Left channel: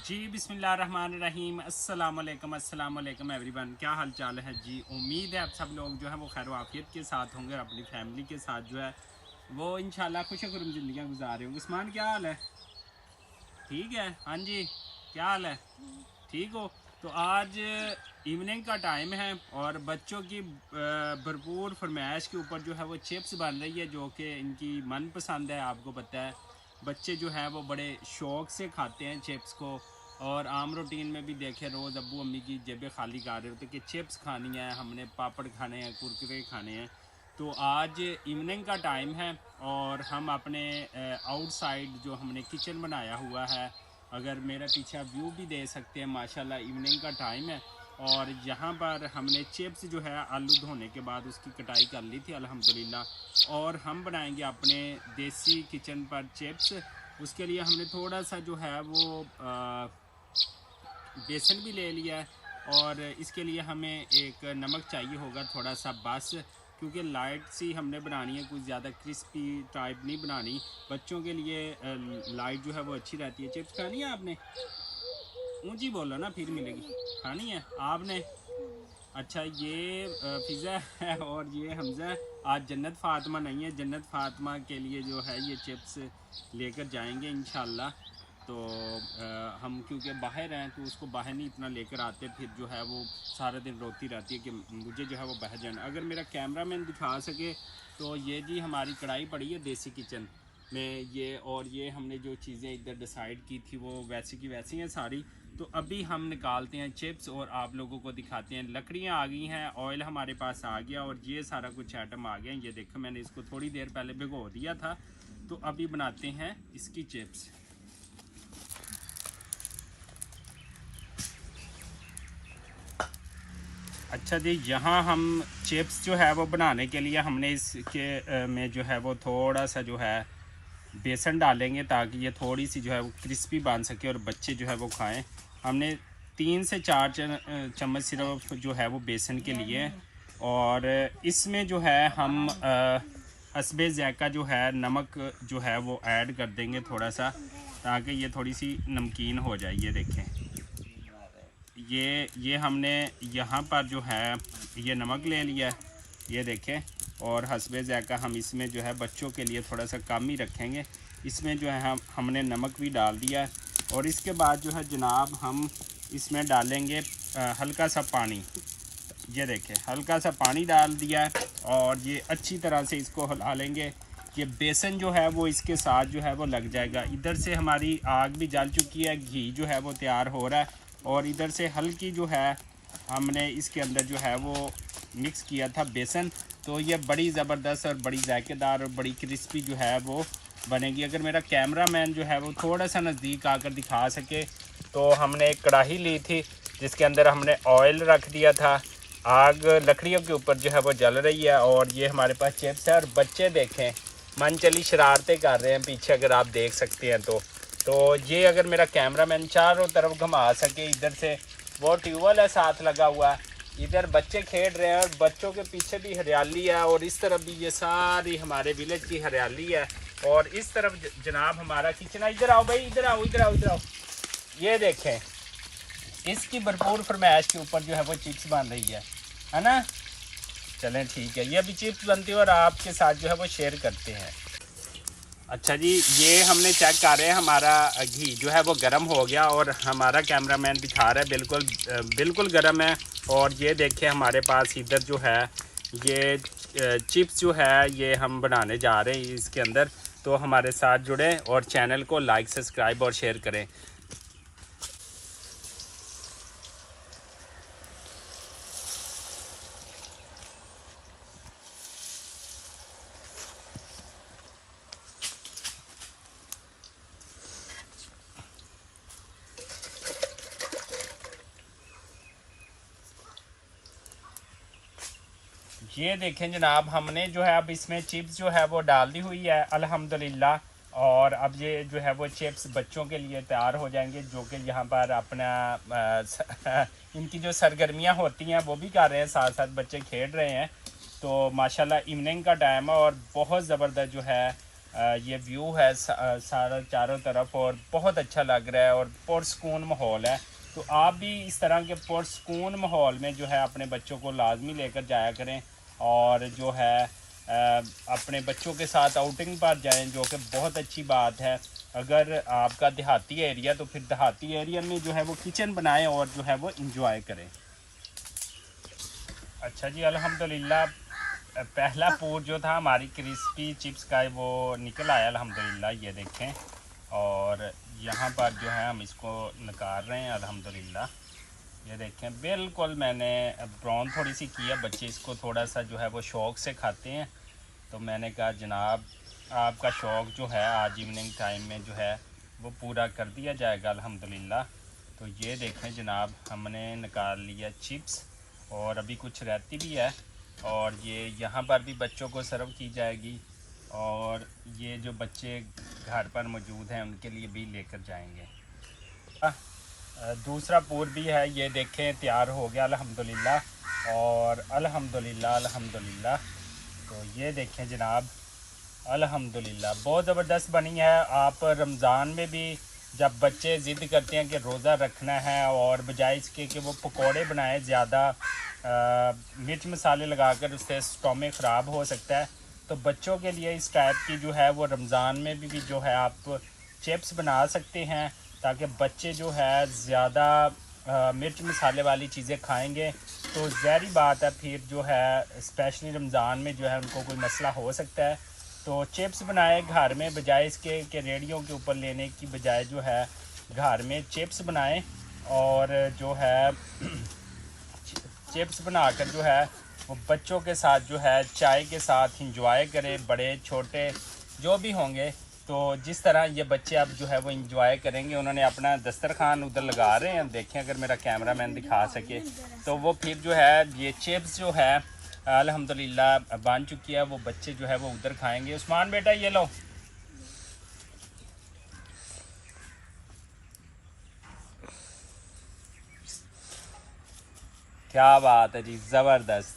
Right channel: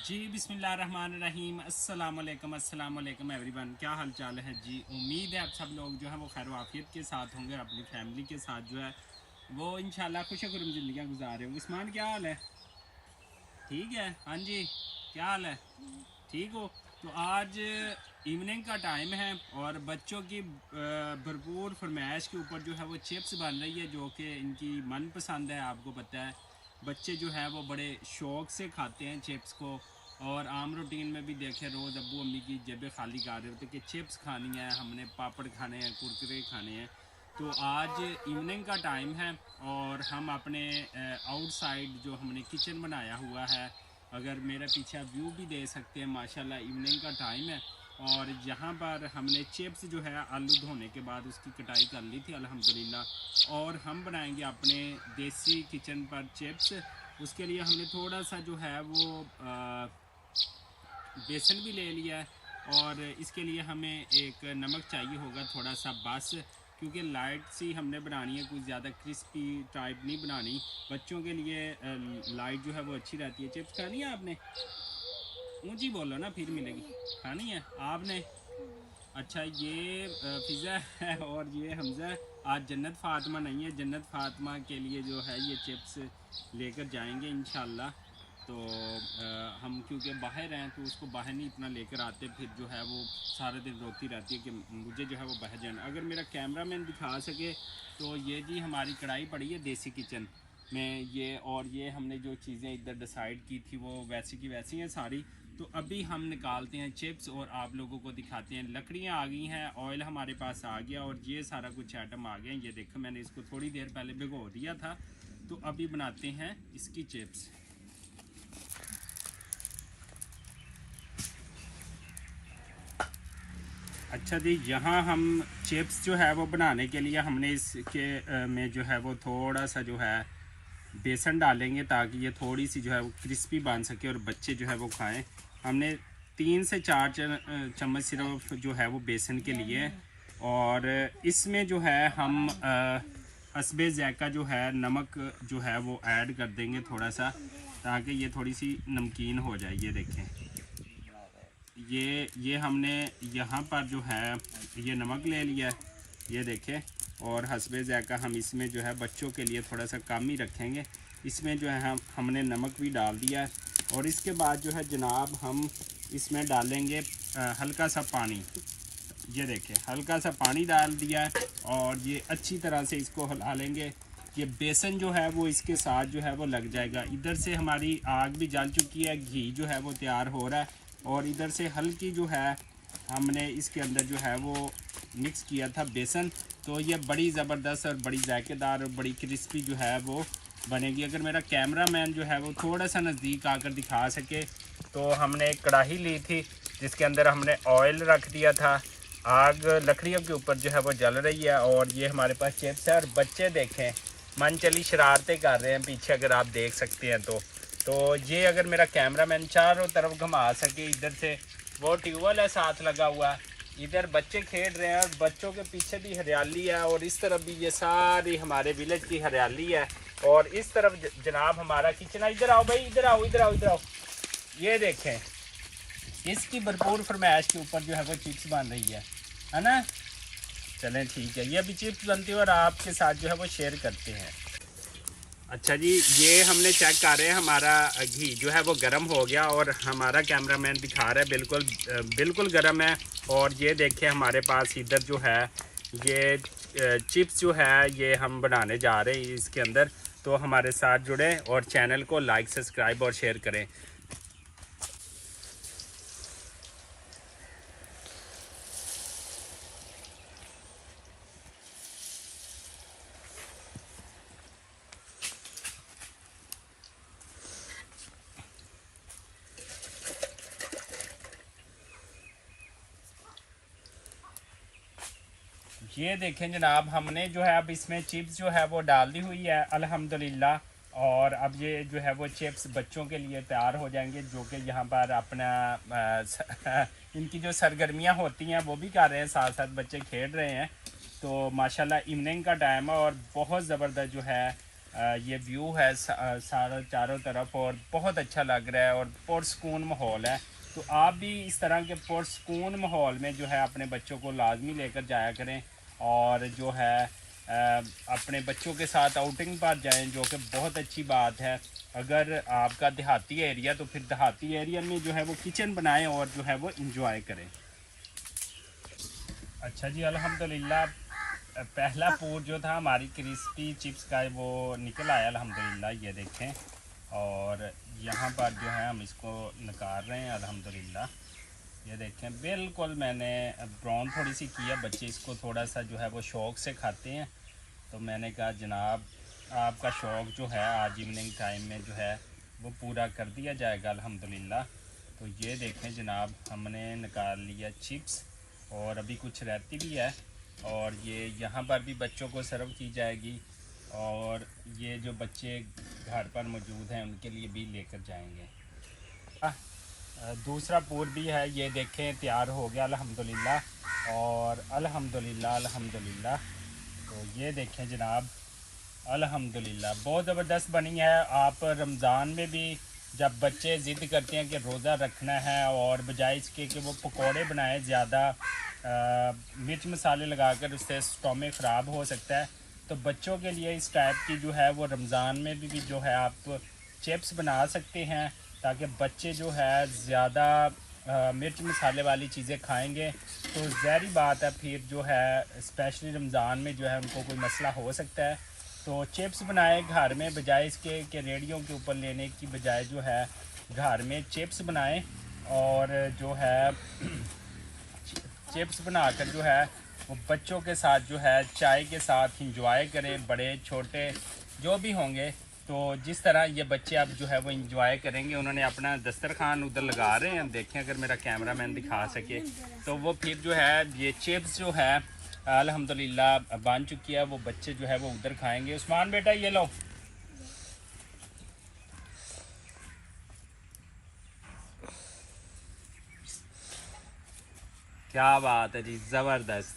जी बिस्मिल्लाहिर्रहमानिर्रहीम अस्सलाम वालेकुम एवरीवन। क्या हाल चाल है जी। उम्मीद है आप सब लोग जो है वो खैर आफियत के साथ होंगे और अपनी फैमिली के साथ जो है वो इंशाल्लाह खुश खुरम ज़िंदगियाँ गुजार रहे होंगे। उस्मान क्या हाल है? ठीक है, हाँ जी, क्या हाल है? ठीक हो? तो आज इवनिंग का टाइम है और बच्चों की भरपूर फरमाइश के ऊपर जो है वो चिप्स बन रही है, जो कि इनकी मनपसंद है। आपको पता है बच्चे जो है वो बड़े शौक़ से खाते हैं चिप्स को। और आम रूटीन में भी देखे रोज़ अब्बू अम्मी की जेबें खाली कर रहे होते कि चिप्स खानी है, हमने पापड़ खाने हैं, कुरकुरे खाने हैं। तो आज इवनिंग का टाइम है और हम अपने आउटसाइड जो हमने किचन बनाया हुआ है, अगर मेरे पीछे आप व्यू भी दे सकते हैं, माशाल्लाह इवनिंग का टाइम है। और यहाँ पर हमने चिप्स जो है आलू धोने के बाद उसकी कटाई कर ली थी अल्हम्दुलिल्लाह। और हम बनाएंगे अपने देसी किचन पर चिप्स। उसके लिए हमने थोड़ा सा जो है वो बेसन भी ले लिया है। और इसके लिए हमें एक नमक चाहिए होगा थोड़ा सा बस, क्योंकि लाइट सी हमने बनानी है, कुछ ज़्यादा क्रिस्पी टाइप नहीं बनानी। बच्चों के लिए लाइट जो है वो अच्छी रहती है। चिप्स खानी है आपने? ऊंची बोलो ना फिर मिलेगी। खानी है आपने? अच्छा, ये फ़िज़ा है और ये हमज़ा है। आज जन्नत फ़ातिमा नहीं है, जन्नत फ़ातिमा के लिए जो है ये चिप्स लेकर जाएंगे इंशाल्लाह। तो हम क्योंकि बाहर हैं तो उसको बाहर नहीं इतना लेकर आते, फिर जो है वो सारा दिन रोती रहती है कि मुझे जो है वो बाहर जाना। अगर मेरा कैमरामैन दिखा सके तो ये जी हमारी कढ़ाई पड़ी है देसी किचन में ये, और ये हमने जो चीज़ें इधर डिसाइड की थी वो वैसी की वैसी हैं सारी। तो अभी हम निकालते हैं चिप्स और आप लोगों को दिखाते हैं। लकड़ियाँ आ गई हैं, ऑयल हमारे पास आ गया और ये सारा कुछ आइटम आ गया। ये देखो मैंने इसको थोड़ी देर पहले भिगो दिया था। तो अभी बनाते हैं इसकी चिप्स। अच्छा जी, यहाँ हम चिप्स जो है वो बनाने के लिए हमने इसके में जो है वो थोड़ा सा जो है बेसन डालेंगे, ताकि ये थोड़ी सी जो है वो क्रिस्पी बन सके और बच्चे जो है वो खाएं। हमने 3 से 4 चम्मच सिर्फ जो है वो बेसन के लिए। और इसमें जो है हम हस्बे ज़ायक़ा जो है नमक जो है वो ऐड कर देंगे थोड़ा सा, ताकि ये थोड़ी सी नमकीन हो जाए। ये देखें, ये हमने यहाँ पर जो है ये नमक ले लिया है, ये देखें। और हस्बे ज़ायक़ा हम इसमें जो है बच्चों के लिए थोड़ा सा कम ही रखेंगे। इसमें जो है हमने नमक भी डाल दिया है। और इसके बाद जो है जनाब हम इसमें डालेंगे हल्का सा पानी। ये देखें, हल्का सा पानी डाल दिया है और ये अच्छी तरह से इसको हिला लेंगे। ये बेसन जो है वो इसके साथ जो है वो लग जाएगा। इधर से हमारी आग भी जल चुकी है, घी जो है वो तैयार हो रहा है। और इधर से हल्की जो है हमने इसके अंदर जो है वो मिक्स किया था बेसन। तो ये बड़ी ज़बरदस्त और बड़ी जायकेदार और बड़ी क्रिस्पी जो है वो बनेगी। अगर मेरा कैमरामैन जो है वो थोड़ा सा नज़दीक आकर दिखा सके, तो हमने एक कढ़ाई ली थी जिसके अंदर हमने ऑयल रख दिया था। आग लकड़ियों के ऊपर जो है वो जल रही है और ये हमारे पास चिप्स है। और बच्चे देखें मन चली शरारतें कर रहे हैं पीछे, अगर आप देख सकते हैं तो ये अगर मेरा कैमरामैन चारों तरफ घुमा सके, इधर से वो ट्यूबवेल है साथ लगा हुआ, इधर बच्चे खेल रहे हैं और बच्चों के पीछे भी हरियाली है और इस तरफ भी ये सारी हमारे विलेज की हरियाली है। और इस तरफ जनाब हमारा किचन है। इधर आओ भाई, इधर आओ, इधर आओ, इधर आओ। ये देखें, इसकी भरपूर फरमाइश के ऊपर जो है वो चिप्स बन रही है ना। चलें ठीक है, ये अभी चिप्स बनती है और आपके साथ जो है वो शेयर करते हैं। अच्छा जी, ये हमने चेक कर रहे हैं, हमारा घी जो है वो गर्म हो गया और हमारा कैमरामैन दिखा रहा है बिल्कुल बिल्कुल गर्म है। और ये देखें हमारे पास इधर जो है ये चिप्स जो है ये हम बनाने जा रहे हैं इसके अंदर। तो हमारे साथ जुड़ें और चैनल को लाइक सब्सक्राइब और शेयर करें। ये देखें जनाब, हमने जो है अब इसमें चिप्स जो है वो डाल दी हुई है अल्हम्दुलिल्लाह। और अब ये जो है वो चिप्स बच्चों के लिए तैयार हो जाएंगे, जो कि यहाँ पर अपना इनकी जो सरगर्मियाँ होती हैं वो भी कर रहे हैं, साथ साथ बच्चे खेल रहे हैं। तो माशाल्लाह इवनिंग का टाइम है और बहुत ज़बरदस्त जो है ये व्यू है सारा चारों तरफ और बहुत अच्छा लग रहा है और पुरसकून माहौल है। तो आप भी इस तरह के पुरसकून माहौल में जो है अपने बच्चों को लाजमी लेकर जाया करें और जो है अपने बच्चों के साथ आउटिंग पर जाएं, जो कि बहुत अच्छी बात है। अगर आपका देहाती एरिया तो फिर देहाती एरिया में जो है वो किचन बनाएं और जो है वो इंजॉय करें। अच्छा जी, अल्हम्दुलिल्लाह पहला पूर जो था हमारी क्रिस्पी चिप्स का वो निकल आया अल्हम्दुलिल्लाह, ये देखें। और यहाँ पर जो है हम इसको निकाल रहे हैं अल्हम्दुलिल्लाह, ये देखें। बिल्कुल मैंने ब्राउन थोड़ी सी की है, बच्चे इसको थोड़ा सा जो है वो शौक़ से खाते हैं। तो मैंने कहा जनाब आपका शौक़ जो है आज इवनिंग टाइम में जो है वो पूरा कर दिया जाएगा अल्हम्दुलिल्लाह। तो ये देखें जनाब, हमने निकाल लिया चिप्स और अभी कुछ रहती भी है और ये यहाँ पर भी बच्चों को सर्व की जाएगी और ये जो बच्चे घर पर मौजूद हैं उनके लिए भी लेकर जाएंगे। दूसरा पूर भी है, ये देखें तैयार हो गया अल्हम्दुलिल्लाह और अल्हम्दुलिल्लाह। तो ये देखें जनाब, अल्हम्दुलिल्लाह बहुत ज़बरदस्त बनी है। आप रमज़ान में भी जब बच्चे ज़िद करते हैं कि रोज़ा रखना है और बजाय इसके कि वो पकोड़े बनाए ज़्यादा मिर्च मसाले लगाकर, उससे स्टोमक ख़राब हो सकता है, तो बच्चों के लिए इस टाइप की जो है वो रमज़ान में भी जो है आप चिप्स बना सकते हैं ताकि बच्चे जो है ज़्यादा मिर्च मसाले वाली चीज़ें खाएंगे तो ज़ाहिर बात है फिर जो है स्पेशली रमज़ान में जो है उनको कोई मसला हो सकता है। तो चिप्स बनाए घर में, बजाय इसके कि रेडियो के ऊपर लेने की बजाय जो है घर में चिप्स बनाएं और जो है चिप्स बनाकर जो है वो बच्चों के साथ जो है चाय के साथ इंजॉय करें, बड़े छोटे जो भी होंगे। तो जिस तरह ये बच्चे अब जो है वो इंजॉय करेंगे, उन्होंने अपना दस्तरखान उधर लगा रहे हैं, देखें अगर मेरा कैमरामैन दिखा सके तो वो फिर जो है ये चिप्स जो है अल्हम्दुलिल्लाह बन चुकी है, वो बच्चे जो है वो उधर खाएंगे। उस्मान बेटा ये लो, क्या बात है जी, ज़बरदस्त।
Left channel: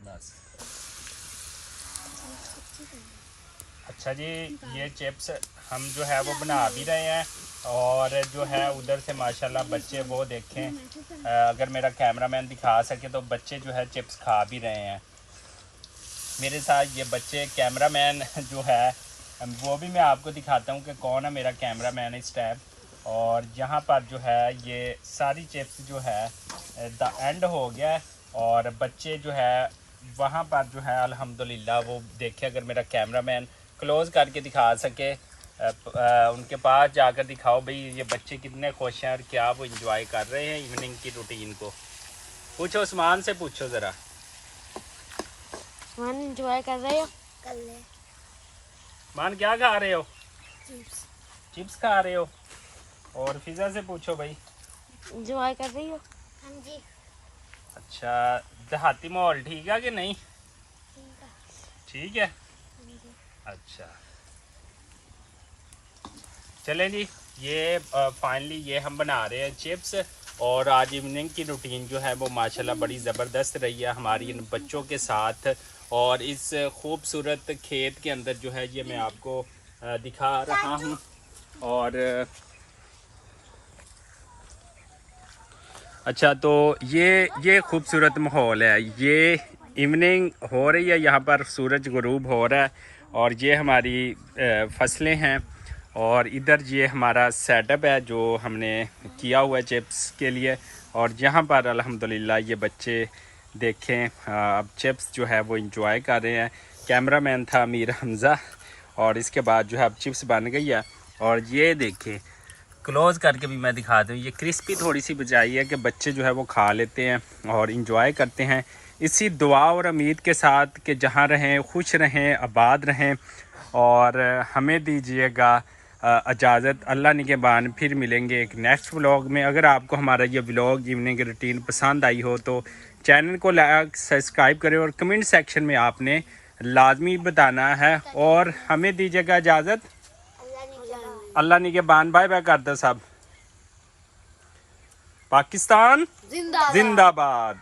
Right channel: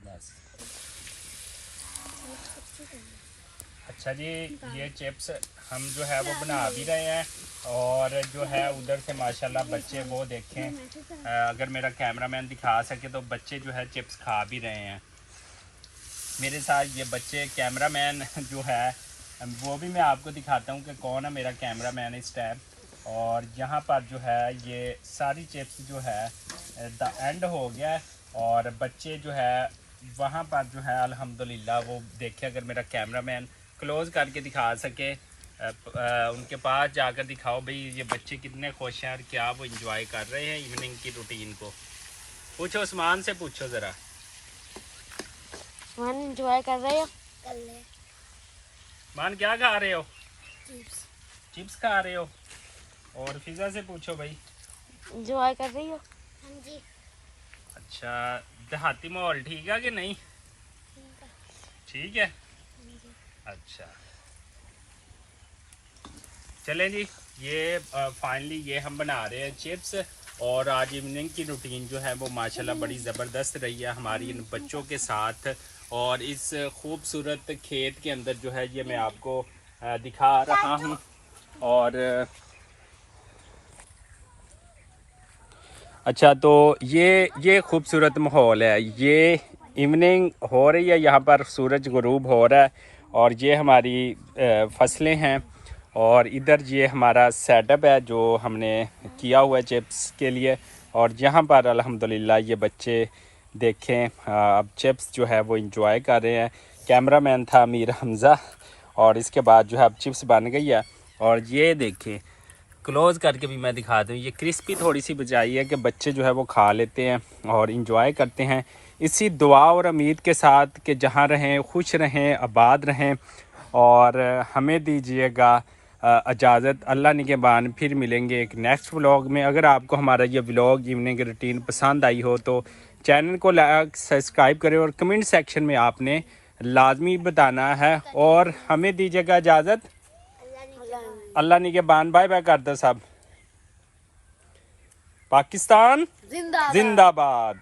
बस अच्छा जी, ये चिप्स हम जो है वो बना भी रहे हैं और जो है उधर से माशाल्लाह बच्चे वो देखें, अगर मेरा कैमरामैन दिखा सके तो बच्चे जो है चिप्स खा भी रहे हैं मेरे साथ। ये बच्चे कैमरामैन जो है वो भी मैं आपको दिखाता हूँ कि कौन है मेरा कैमरामैन इस टाइम। और यहाँ पर जो है ये सारी चिप्स जो है द एंड हो गया है और बच्चे जो है वहाँ पर जो है अल्हम्दुलिल्लाह वो देखे, अगर मेरा कैमरामैन क्लोज करके दिखा सके उनके पास जाकर दिखाओ भाई ये बच्चे कितने खुश हैं और क्या वो इंजॉय कर रहे हैं इवनिंग की रूटीन को। पूछो उस्मान से, पूछो ज़रा। मान एंजॉय कर रहे हो? कर ले। मान क्या खा रहे हो? चिप्स। चिप्स खा रहे हो। और फिजा से पूछो भाई, एंजॉय कर रही हो? हाँ जी। अच्छा, देहाती माहौल ठीक है कि नहीं? ठीक है। ठीक है। हाँ जी। अच्छा चलें जी, ये फाइनली ये हम बना रहे हैं चिप्स और आज इवनिंग की रूटीन जो है वो माशाल्लाह बड़ी ज़बरदस्त रही है हमारी इन बच्चों के साथ। और इस खूबसूरत खेत के अंदर जो है ये मैं आपको दिखा रहा हूँ। और अच्छा, तो ये खूबसूरत माहौल है, ये इवनिंग हो रही है, यहाँ पर सूरज गुरूब हो रहा है और ये हमारी फसलें हैं और इधर ये हमारा सेटअप है जो हमने किया हुआ है चिप्स के लिए। और यहाँ पर अल्हम्दुलिल्लाह ये बच्चे देखें अब चिप्स जो है वो इंजॉय कर रहे हैं। कैमरामैन था मीर हमज़ा और इसके बाद जो है अब चिप्स बन गई है। और ये देखें, क्लोज करके भी मैं दिखा दूँ, ये क्रिस्पी थोड़ी सी बचाई है कि बच्चे जो है वो खा लेते हैं और इंजॉय करते हैं। इसी दुआ और उम्मीद के साथ कि जहाँ रहें खुश रहें, आबाद रहें और हमें दीजिएगा इजाज़त। अल्लाह निगहबान, फिर मिलेंगे एक नेक्स्ट व्लॉग में। अगर आपको हमारा ये व्लॉग इवनिंग की रूटीन पसंद आई हो तो चैनल को लाइक सब्सक्राइब करें और कमेंट सेक्शन में आपने लाजमी बताना है। और हमें दीजिएगा इजाज़त। अल्लाह निगहबान, बाय बाय कर दो सब। पाकिस्तान जिंदाबाद। जिंदाबाद।